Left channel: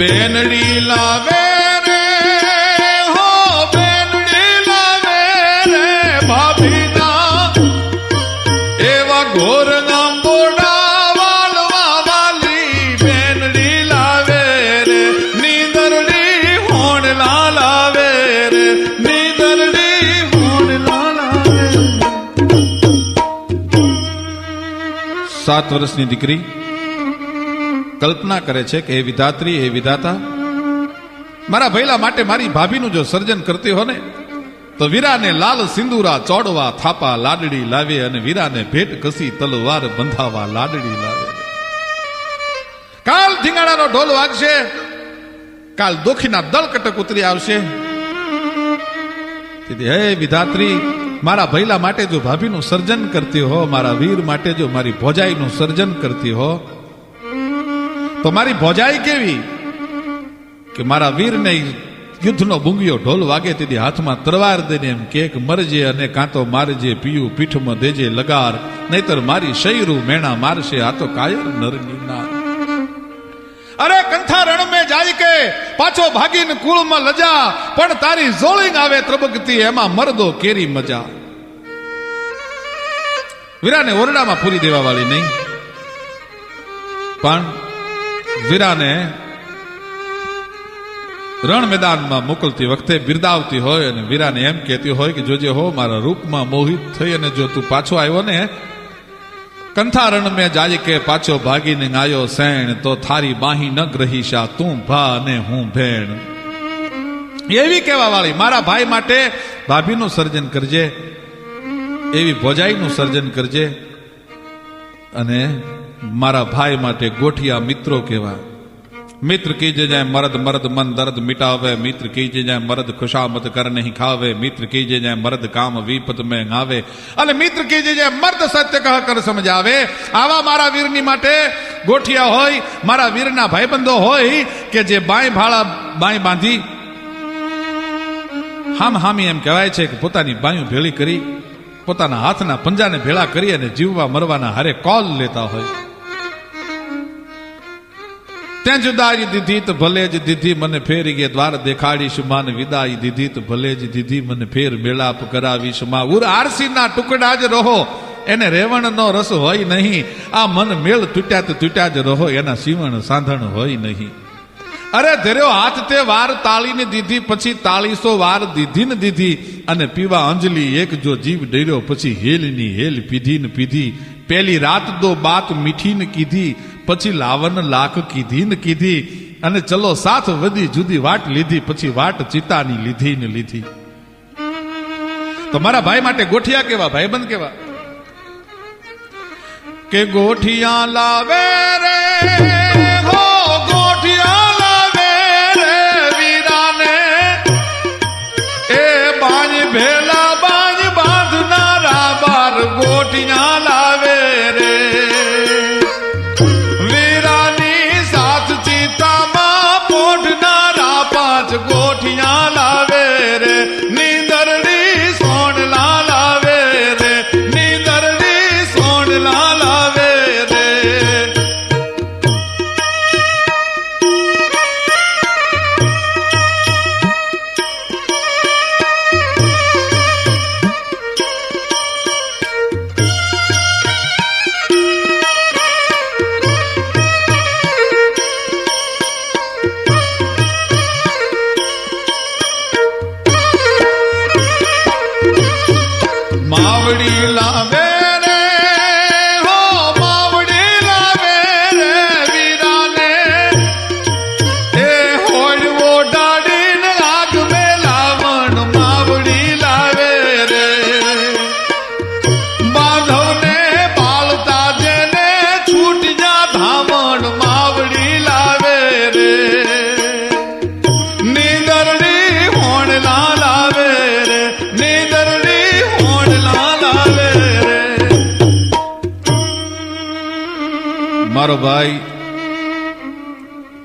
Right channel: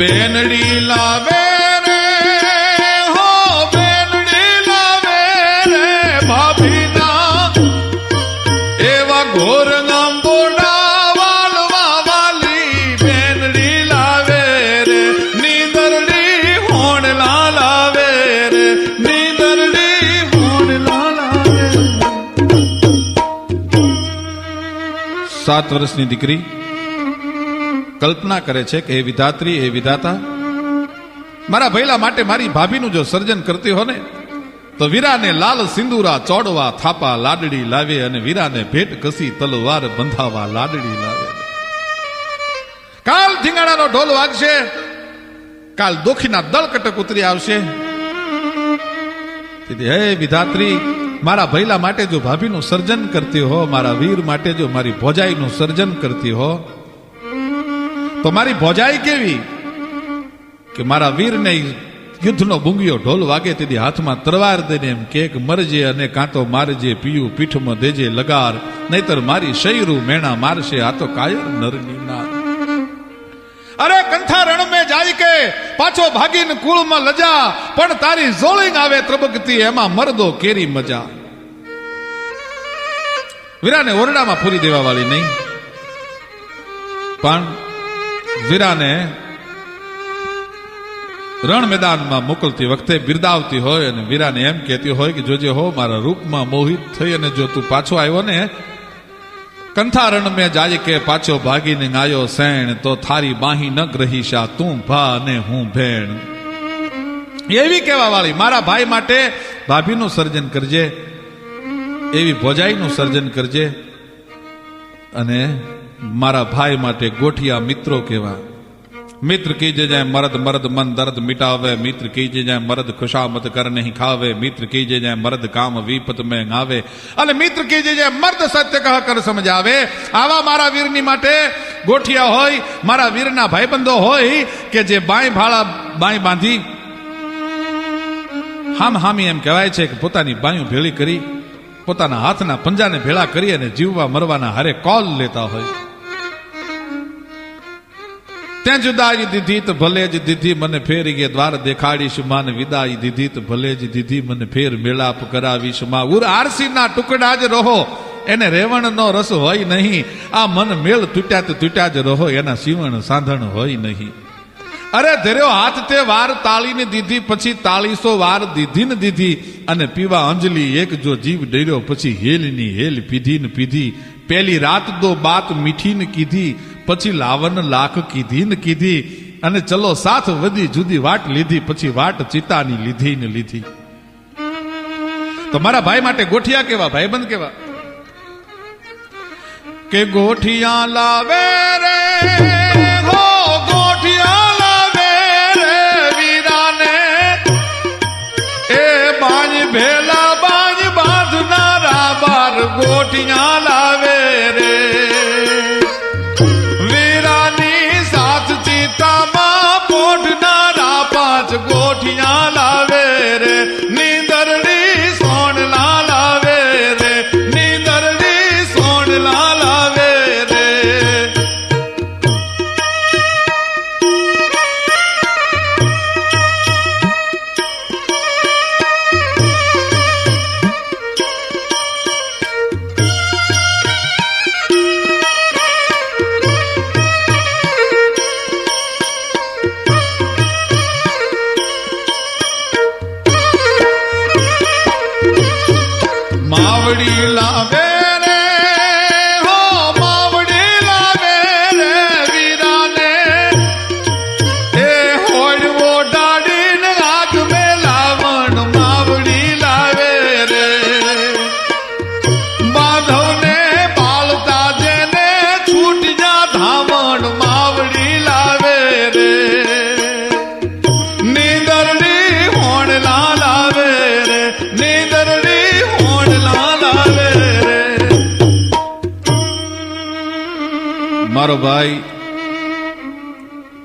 બેનડી લાવે રે હો બેનડી લાવે રે ભાભીના એવા ઘોર નાંબોડા વાલવા વાલી બેનડી લાવે રે નીંદરડી હોણલા લાવે રે નીંદરડી હોણલા લાવે. 7 વર્ષની દીકરી કલ્પના કરે છે કે એ વિધાત્રી એ વિધાતા મારા ભૈલા માટે મારી ભાભીનું જો સર્જન કરતી હો ને તો વીરાને લાલ સિંદૂરા ચોડવા થાપા લાડડી લાવે અને વીરાને ભેટ કસી તલવાર બંધાવા લાડડી લાવે. કાલ ધીંગાણાનો ઢોલ વાગશે, કાલ દોખીના દળ કટક ઉતરી આવશે. હે વિધાત્રી મારા ભૈલા માટે જો ભાભીનું સર્જન કરતી હો, મારા વીર માટે જો મારી ભોજાઈનું સર્જન કરતી હો તો મારી ભોજાઈ કેવી કે મારા વીરને યુદ્ધનો બુંગિયો ઢોલ વાગે તેથી હાથમાં તરવાર દઈને એમ કે મરજે અને કાંતો મારજે પીયું પીઠમાં દેજે લગાર નહીતર મારી શૈરું મેણા મારશે આ તો કાયર નરની નાર. અરે કંઠા રણ મેં જાય કે પાછો ભાગીને કુળમાં લજા પણ તારી જોળીને આવે ત્રબકતી એમાં મરદો કેરી મજા. વીરાને ઓરડામાં પૂરી દેવા વાળી નહીં પણ વીરાને રણ મેદાનમાં મોકલતી વખતે બિરદાવતી હોય અને વીરાને એમ કહેતી હોય કે જોજે હો મારા રૂપમાં મોહિત થઈ અને જો તું પાછો આવ્યો ને કંથા રણ મેં જાય કે પાછો ભાગીને આવ્યો સૈણ તો થારી બાહી ન ગ્રહીશા તું ભા અને હું ભેણ. એવી કહેવા વાળી મારા ભાઈ માટે ભાભીનું સર્જન કરજે, એવી ભોજાઈનું સર્જન કરજે અને મારા ભાઈ માટે ગોઠિયા મિત્રો કહેવા. મિત્ર કીજે જાય મરદ મરદ મન દર્દ મિટાવે, મિત્ર કીજે જાય મરદ ખુશામત કર નહીં ખાવે, મિત્ર કીજે જાય મરદ કામ વિપત મેં ગાવે અને મિત્ર કીજે જાય મર્દ સત્ય કહ કર સમજાવે. આવા મારા વીરની માટે ગોઠિયા હોય, મારા વીરના ભાઈબંધો હોય કે જે બાઈ ભાળા બાઈ બાંધી હામ હામી એમ કહેવાય છે કે પોતાની બાયું ભેળી કરી પોતાના હાથના પંજાને ભેળા કરી અને જીવવા મરવાના હારે કોલ લેતા હોય. ત્યાં જુદાઈ દીધી તો ભલે જ દીધી મને ફેરી ગે દ્વાર દેખાડીશું માન વિદાઈ દીધી તો ભલે જ દીધી મને ફેર મેળાપ કરાવીશું માં. ઉર આરસીના ટુકડા જ રહો એને રેવણનો રસ હોય નહીં, આ મન મેળ તૂટ્યા તો તૂટ્યા જ રહો એના સીવણ સાંધણ હોય નહીં. અરે ધર્યો હાથ તે વાર તાળીને દીધી પછી 400 વાર દીધી ને દીધી અને પીવા અંજલિ એક જો જીવ ડર્યો પછી હેલની હેલ પીધી ને પીધી. પેલી રાત દો બાત મીઠી ને કીધી પછી લાવન લાખ કીધી ને કીધી અને ચલો સાથ વધી જુદી વાટ લીધી પછી વાટ ચિતાની લીધી ને લીધી. તો મારા ભાઈ માટે ગોઠિયા કેવા ભાઈબંધ કેવા કે ગોઠિયા લાવે રે હો ગોઠિયા લાવે રે વીરાને એ બાજ ભેલા બાજ બાંધનારા બાર ગોઠિયા લાવે રે વીરાની સાથ ચિતામાં પોઢનારા 5 ગોઠિયા લાવે રે નીંદરડી સોણલા લાવે રે નીંદરડી સોણલા લાવે રે. માવડી લાવે રે હો માવડી લાવે રે વીરાને એ હોય ઓડાડીને આગ મેલાવણ માવડી લાવે રે બાંધવને પાલતા જેને છૂટ જા ધામણ માવડી લાવે રે નીંદરડી હોણલા લાવે રે નીંદરડી મારો ભાઈ